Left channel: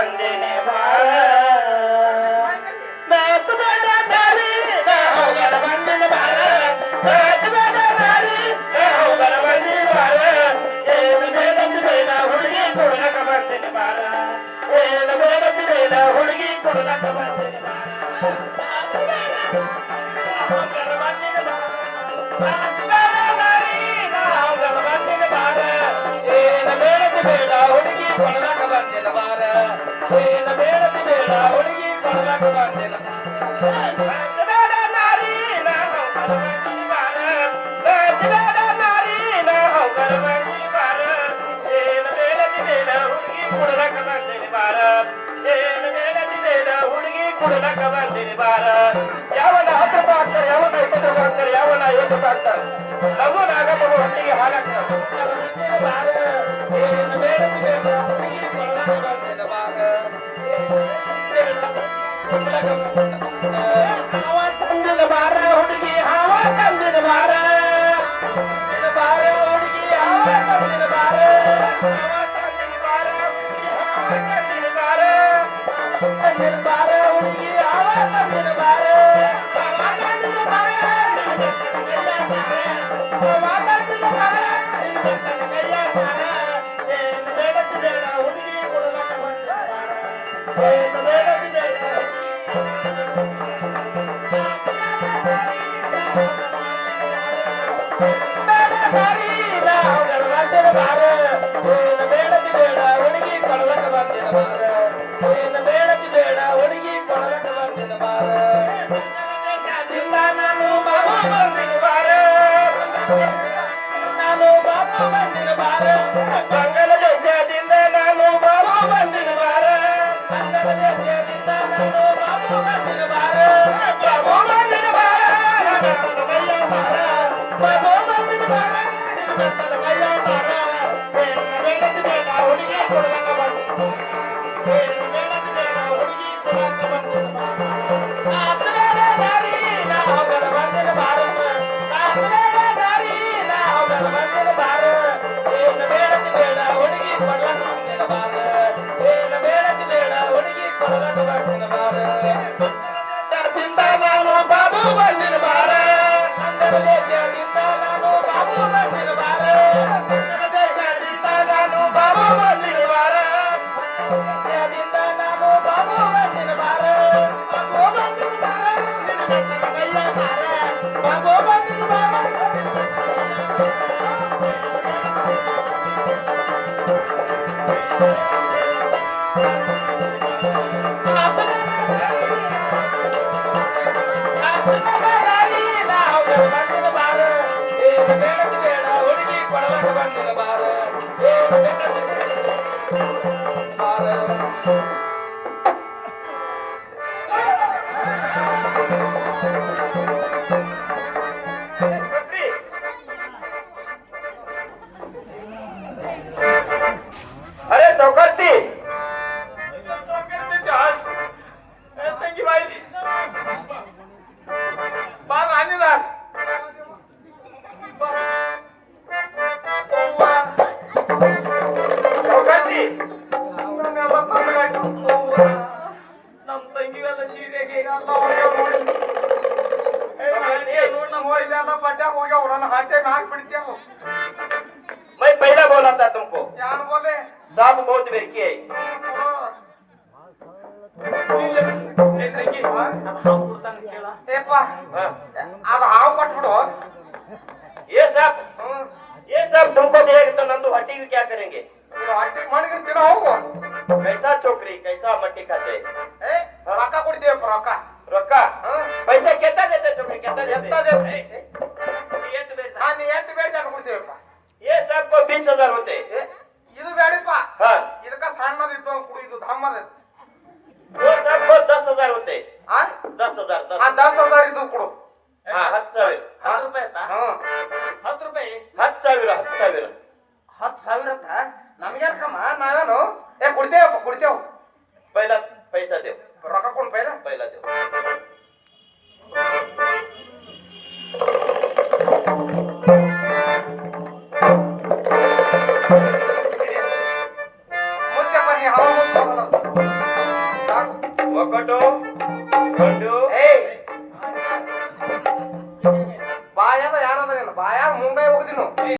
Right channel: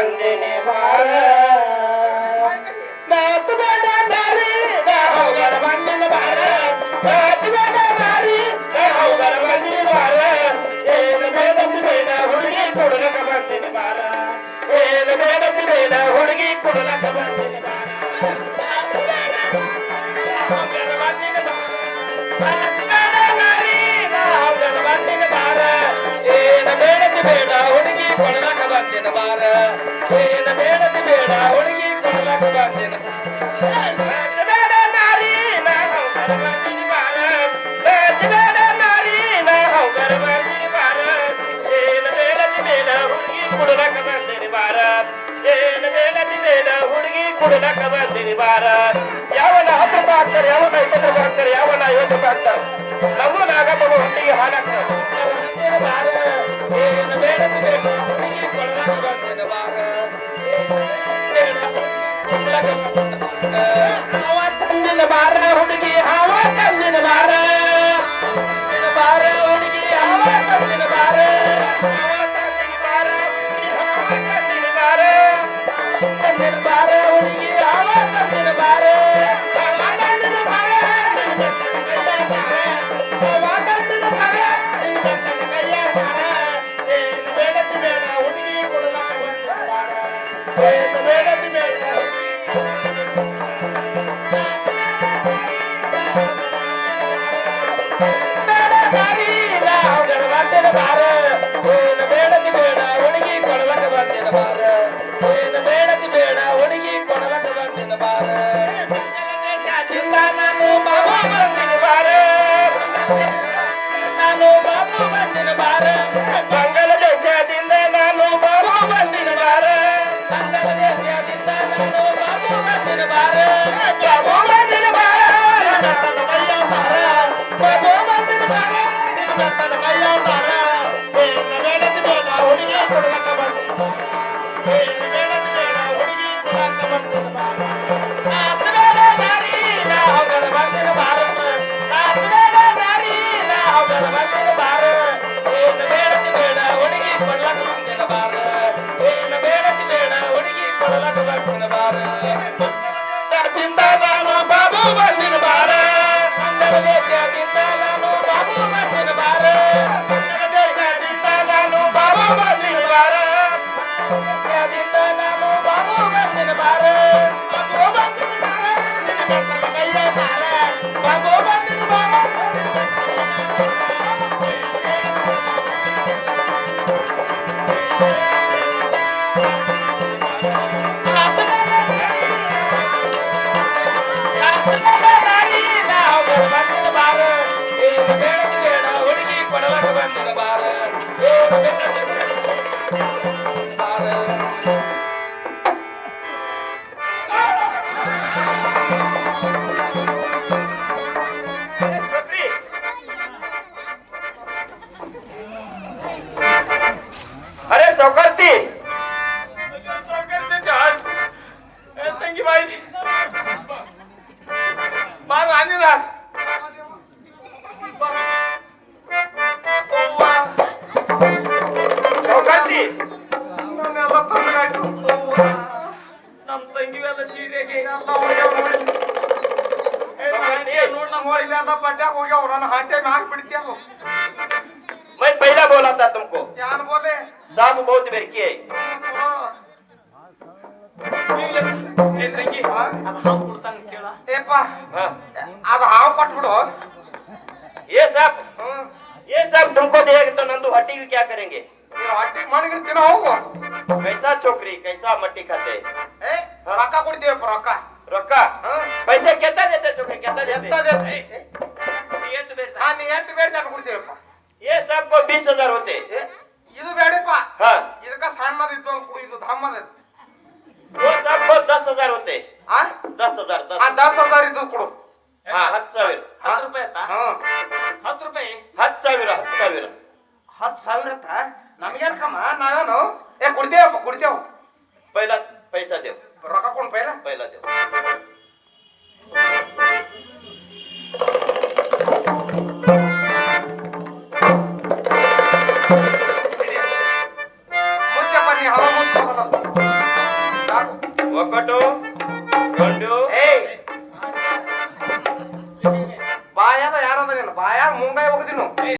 ಬಂದಿನಿ ಬಾರ ಮಾತು ಬೇಡ ದಾರಿ ನಾ ಹೋಗರ ಬಂದಿನಿ ಬಾರ ಮಾತು ಬೇಡ ದಾರಿ ನಾ ಹೋಗರ ಬಂದಿನಿ ಬಾರ ಏನು ಬೇಡದು ಬೇಡ ಹುಡುಗಿ ಕೊಡಲಕ ಬಂದಿನಿ ಬಾರ ಏನು ಬೇಡದು ಬೇಡ ಹುಡುಗಿ ಕೊಡಲಕ ಬಂದಿನಿ ಬಾರ ಬೇಡ ಹುಡುಗಿ ಕೊಡಲಕ ಬಂದಿನ ಬಾರ ಏನ ಬೇಡದ ಬೇಡ ಹುಡುಗಿ ಕೊಡಲಕ ಬಂದಿನ ಬೇಡ ನಾರಿ ನಾ ಹೋಗರ ಬಂದಿನಿ ಬಾರ ಬೇಡ ನಾರಿ ನಾ ಹೋಗರ ಬಂದಿನಿ ಬಾರ ಏನ ಬೇಡದ ಬೇಡ ಹುಡುಗಿ ಕೊಡಲಕ ಬಂದಿನಿ ಬಾರ ಏನ ಬೇಡದ ಬೇಡ ಹುಡುಗಿ ಕೊಡಲಕ ಬಂದಿನಿ ಬಾರ ಯಾವನ ಹತ್ರ ಬಾಗ್ತಾರೆ ಯಾವನ ಇತರ ಬಾಗ್ತಾರೆ ಯಾವನ ಏನು ಬಾಗ್ತಾರೆ ಲಘು ನಾಗಮ್ಮ ಹೊಟ್ಟಿಗೆ ಹಾಲಕ ಬಾರ ಏನು ಬೇಡದು ಬೇಡ ಹುಡುಗಿ ಕೊಡಲಕ ಬಂದಿನ ಬಾರ ಹಾವ ತಂದಿನ ಬಾರ ಹುಡುಗಿ ಹಾವ ತಂದಿನ ಬಾರ ಬಾರ ಹುಡುಗಿ ಹಾವ ತಂದಿನ ಬಾರ ಹಾವ ತಂದಿನ ಬಾರ ತಂದಿನ ಬಾರ ತಂದಿನ ಬಾರ ಹುಡುಗಿ ಹಾವ ತಂದಿನ ಬಾರ ಹಾವ ತಂದಿನ ಬಾರ ಹಾವ ತಂದಿನ ಬಾರ ಕೈಯ ಬಾರ ಏನು ಬೇಡದು ಬೇಡ ಹುಡುಗಿ ಕೊಡಲಕ ಬಂದಿನ ಬಾರ ಏನು ಬೇಡದು ಬೇಡ अरे चौकटी ನಮ್ಮ ತಂಗಿಗೆಲ್ಲ ಸೀರೆಗೆ मैं पहला बोला था तुमको क्या बोले साहब बहुत बेरकी है अब हाव पटबिड़ो ये सब तुमको देगा तो नंदू हट्टी भी क्या करेंगे हट्टी मन तिना होगो कैसा छोकरी कैसा मट्टी खाते रೊಕ್ಕ ಕೊಡ್ತೀವಿ ರೊಕ್ಕ ರೊಕ್ಕ पैसे केता देते छोकरे केता देते ಎಷ್ಟು ಬೇಡ ಕೊಡ್ತೀವಪ್ಪ ये सबको 20,000 होते ಇದು ಬೇಡಪ್ಪ हाँ ಇದಕ್ಕ ಸಣ್ಣದಿತ್ತು ಕುಡಿದು ಧಮ್ಮದ वो सबको 10,000 होते हाँ 10,000 10,000 ಇದು ಕೊಡು हाँ 10,000 10 रुपए हाँ 10 रुपए 10,000 10,000 ನಮಗೇನಕ್ಕಮ್ಮ ನಾವೇನು ಕೊಡ್ತೇವಪ್ಪ ಕೊಡ್ತೇವು पहला पैसा दे ರೊಕ್ಕ ಕೊಡು पहला दे मुझे पर ये हवा मुझे ಒಟ್ಟು ಗಂಡು ಏಯ್ ಬಾಯಾಗ ಯಾರದ ಬಾಯಾಗ ಮುಂಗಾಯಿ ಹೋಗ್ತೀನಿ